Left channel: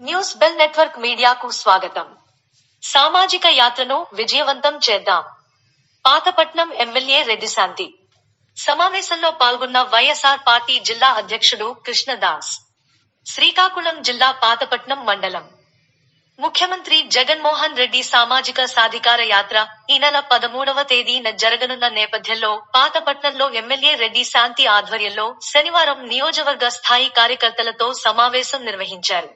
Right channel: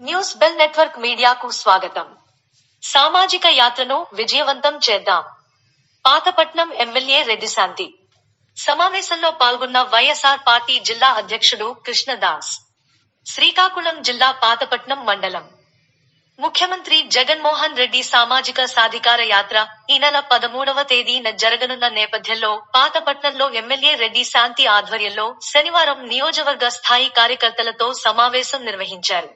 News bell network మీడియాకు స్వాగతం. సామాజిక యాత్రను విజయవంతం చేద్దాం. పాతపట్నం ఎమ్మెల్యే రెడ్డిశాంతి సమావేశంలో పాల్గొన్న వైఎస్ఆర్ పార్టీ జిల్లా అధ్యక్షుడు కృష్ణదాస్. శ్రీకాకుళం జిల్లా పాతపట్నం మండలం. ముఖ్యమంత్రి జగన్మోహన్ రెడ్డి సామాజిక సాధికార యాత్ర ఈ నెల పదమూడవ తేదీన జరగనున్న నేపథ్యంలో పాతపట్నంలో ఎమ్మెల్యే రెడ్డి శాంతి ఆధ్వర్యంలో శనివారం నియోజకవర్గ స్థాయి కార్యకర్తలతో సమావేశం నిర్వహించారు.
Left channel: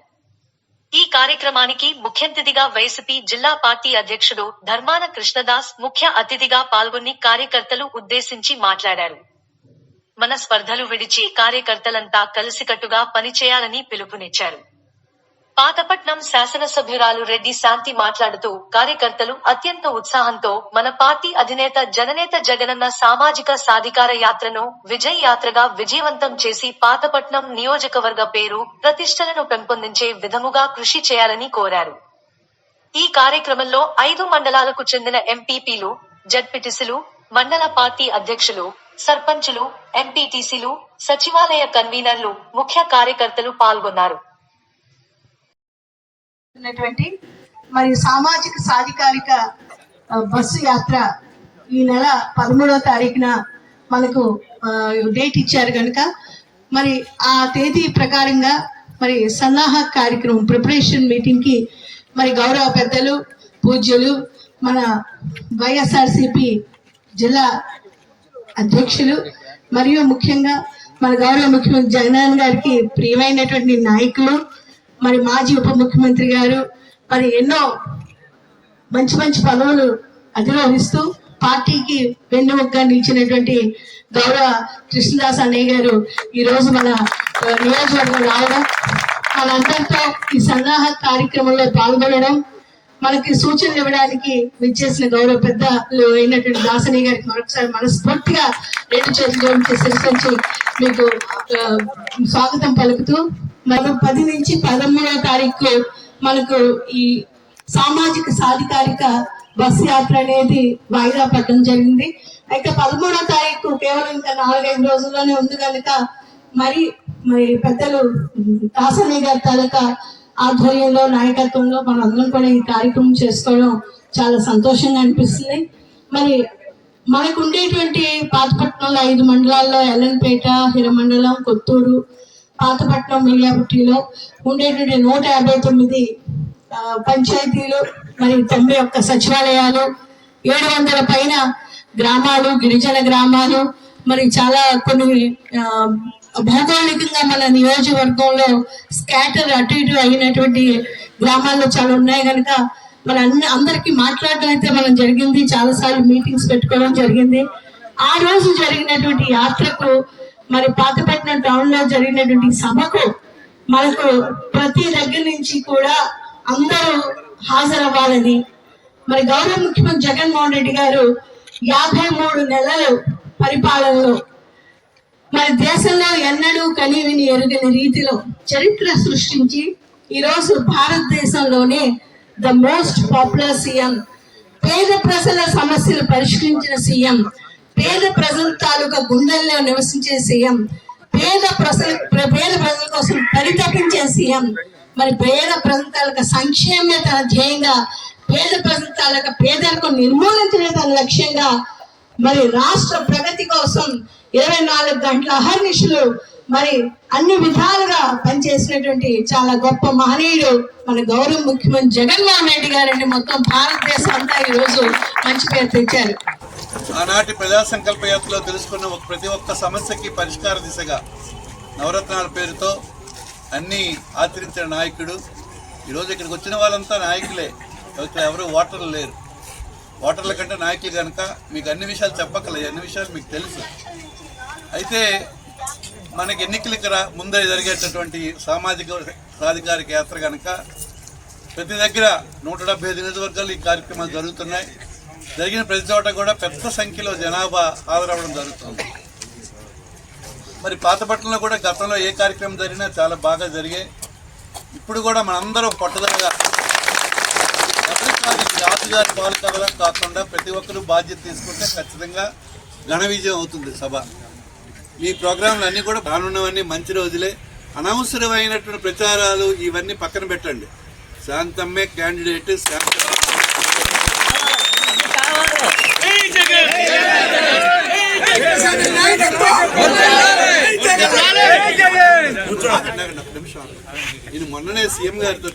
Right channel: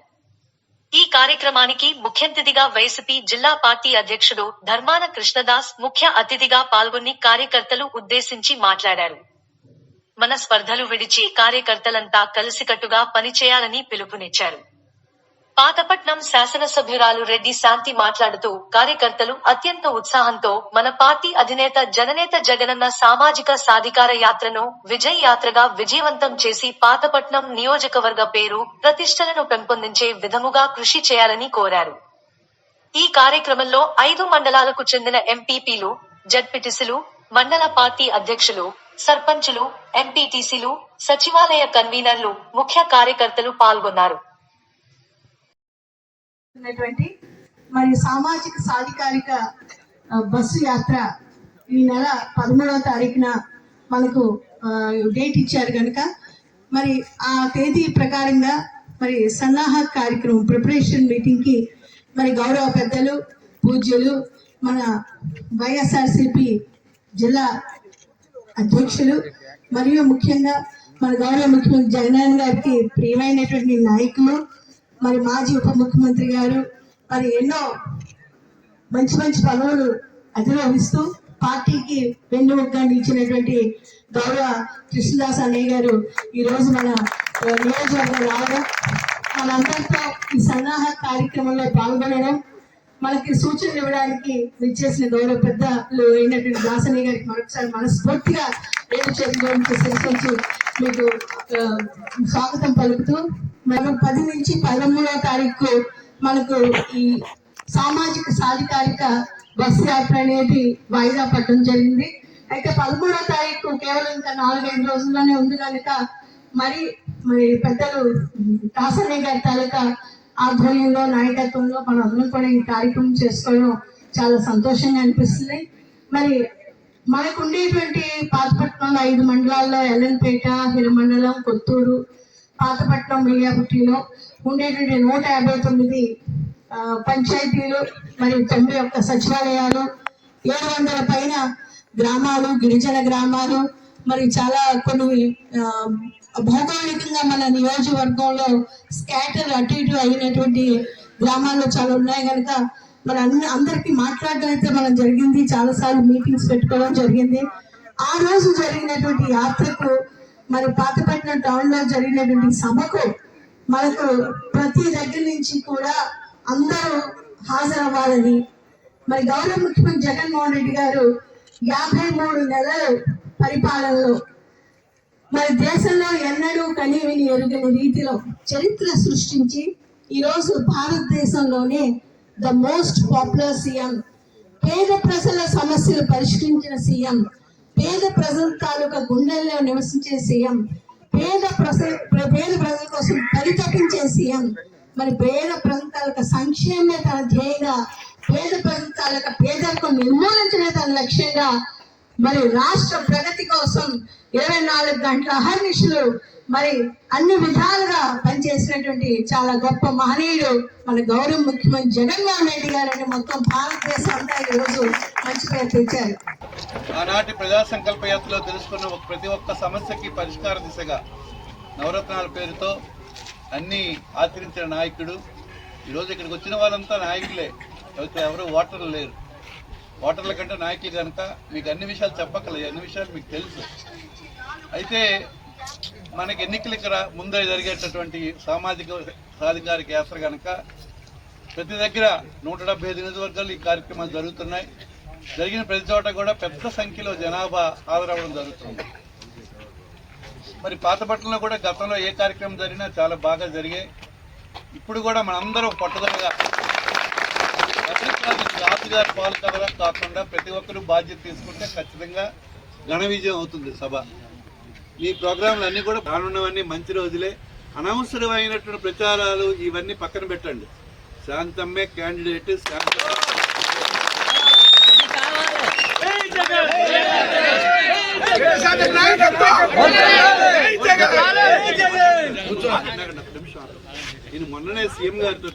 ఈ కార్యక్రమానికి ముఖ్యఅతిథిగా వైసీపీ జిల్లా పార్టీ అధ్యక్షుడు ధర్మాన కృష్ణదాస్ ముఖ్య అతిథిగా పాల్గొని కార్యకర్తలు ఉద్దేశించి మాట్లాడారు. మన స్పర్ధలు విడిచి కార్యకర్తలంతా కలిసికట్టుగా పనిచేయాలని పిలుపునిచ్చారు. పాతపట్నం శాసనసభ్యురాలు రెడ్డి శాంతి మాట్లాడుతూ కార్యకర్తలు అత్యంత ఉత్సాహంతో మన పార్టీ అధినేత జననేత జగనన్న సామాజిక సాధికార యాత్రను విజయ్ యాత్రగా విజయవంతం చేసి పాతపట్నం నియోజకవర్గ పేరు ప్రతిష్టలను పెంపొందించే విధముగా కృషి చేయాలని కోరారు. ఈ కార్యక్రమంలో ఐదు మండలాలకు చెందిన ఎంపీపీలు జడ్పీటీసీలు మండల పార్టీ అధ్యక్షులు సర్పంచులు ఎంపీటీసీలు సచివాలయ కన్వీనర్లు ముఖ్య కార్యకర్తలు పాల్గొన్నారు. జరుగుతున్నటువంటి మరి సామాజిక సాధికారిక బస్సు యాత్ర ఈ నెల పదమూడవ తారీఖున మనకు డేట్ ఇచ్చారు కనుక మరి ఆ తేదీ ప్రకారంగా మరి సన్నాహ కార్యక్రమం ప్రిపరేషన్ మీటింగ్కి మరి గౌరవ పెద్దలు పూజ్యులు మన వైఎస్ఆర్సిపి జిల్లా అధ్యక్షులు మరియు ముఖ్యంగా మన గౌరవ ముఖ్యమంత్రి జగన్ గారికి ప్రియమైనటువంటి నాయకులు మరి మాజీ ఉప ముఖ్యమంత్రి గారు మరి ఎన్నో మంచి మంచి పదవులు అధిరోహిస్తూ పార్టీకి వెన్నుముగ్గా నిలిచినటువంటి గౌరవ కృష్ణదాస్ అన్నయ్య గారు ఈరోజు మన నియోజకవర్గం రావడం వాళ్ళందరితో ఈ సన్నాహ కార్యక్రమంలో పాల్గొనడం మనకి సూచనలు ఇవ్వడానికి విచ్చేసిన గౌరవ పెద్ద అయినటువంటి దాసని గారికి మరొకసారి మనస్ఫూర్తిగా రెండు చేతులు శిరసించి మీకు స్వాగతం పలుకుతూ మనం పది నుంచి పదమూడవ తారీఖు మనకు ఈ సామాజిక సాధికారిక బస్ యాత్ర అనేది వాయిదా పడడం జరిగింది. అయితే పదమూడవ తారీఖు కేవలం ఇంకా నాలుగైదు రోజుల్లోనే ఉంది కనుక మరి మరి పెద్దలు దాసనే గారి తాలూకా ఆధ్వర్యంలో నాయకత్వంలో మనం అందరం కూడా ఈ కార్యక్రమం చేసుకోవడం చాలా సంతోషంగా అనిపిస్తుంది. మరి మనకు ఉండేటువంటి పాతపట్నంలో ఐదు మండలాల్లో ఎల్ఎన్పేట హిరమండలం కొత్తూరు పాతపట్నం మిర్యాపుట్టిలో ఉండేటువంటి నూట యాభై తొమ్మిది పంచాయతీలు మరియు తొంభై ఒక్క సచివాలయాలు ఏడు వందల పైన గ్రామాలు గిరిజన గ్రామాలు మరి చాలా కొన్ని భౌగోళికంగా మన నియోజకవర్గంలో స్కాటర్ అటు ఇటు అయినటువంటి గ్రామాల్లో చాలా ఉన్నాయి కనుక మన అన్ని అందరికీ మాట్లాడడం అయితే మనం జరిగింది చాలాసార్లు మీటింగ్స్ పెట్టుకోవడం జరిగింది. ఆ రోజు జరిగినటువంటి యాత్రకు మరి పాతపట్నం టౌన్లో జరిగినటువంటి సభకు మనకు ప్రతి దగ్గర నుంచి కూడా అందరూ హాజరవ్వాలని. మరి గౌరవ ముఖ్యమంత్రి జగన్మోహన్ రెడ్డి గారు యాభై మూడు నెలలు పరిపాలనలో మరి దేశంలో ఎన్నడూ కనీవిని ఎరుగని రీతిలో చరిత్ర సృష్టించి ఈరోజు భారతదేశంలోనే ద మోస్ట్ పాపులర్ సీఎం పేద ప్రజల సమస్యలు పరిష్కరించిన సీఎం పేద ప్రజల తాలూకా గుండెల్లో నివసించే సీఎం పేద ప్రజల పేద ప్రజల కోసం పరితపించే సీఎం మరి పేద ప్రజల తాలూకా సంక్షేమే తన ధ్యేయంగా పేద ప్రజల తాలూకా పేదరికం తన లక్ష్యంగా మరి రాష్ట్ర ప్రగతి కోసం ఇరవై నాలుగు గంటల అహర్నిశలు మరి అన్ని విధాలుగా పనిచేసినటువంటి చాలా గొప్ప మహనీయుడు మన గౌరవ ముఖ్యమంత్రి జగన్మోహన్ రెడ్డి గారండి. మొత్తం భారతదేశం అంతా ఈరోజు రోజు మంచి పేరు తెచ్చారు. ఆనాటి ప్రజా సంకల్ప యాత్రలో తెలుసుకున్న ఒక ప్రతి ఒక్క సమస్యకి పరిష్కార దిశగా నవరత్నాల పేరుతో అన్ని ఆచరించిన నాయకుడు. ఈరోజు ఇక్కడికి వచ్చిన వాళ్ళంతా నాయకులే. ఇక్కడ ఎవరు ఓటర్లు లేరు. ఓటర్ల కంటే నాయకులు కనుక మీకు అన్ని విషయాలు చెప్పక్కర్లేదు అన్ని విషయాలు మీకు తెలుసు. అయితే మనకి ఎన్నికలకి రా ముందర జరిగేటటువంటి సామాజిక సాధికారిక యాత్ర కనుక ప్రతి దగ్గర నూట డెబ్బై ఐదు నియోజకవర్గాలు ఈ కార్యక్రమాలు జరుగుతున్నాయి. జరిగిన ప్రతి చోట కూడా పెద్ద సంఖ్యలో జనాభా హాజరవ్వడం జరుగుతుంది. మరి పాతపట్నంలో కూడా గతంలో ఏ కార్యక్రమం జరిగినా చాలా బాగా జరిగాయి. ఇప్పుడు కూడా మనందరం పట్టుదలగా రాజుగారి పాలకలా కాకుండా ప్రతి ఒక్కరూ బాధ్యత తీసుకుంటే ఖచ్చితంగా ఘన విజయం అవుతుంది సభ. ఈ ప్రోగ్రాంలు అన్నీ కూడా రానున్నవన్నీ మంచి రోజులే. అనవసరమైనటువంటి ప్రచారాలు ఇవన్నీ పక్కన పెట్టండి. శాంతమ్మే క్యాండిడేట్ శాంత ఇది మొన్ననే సీఎం గారితో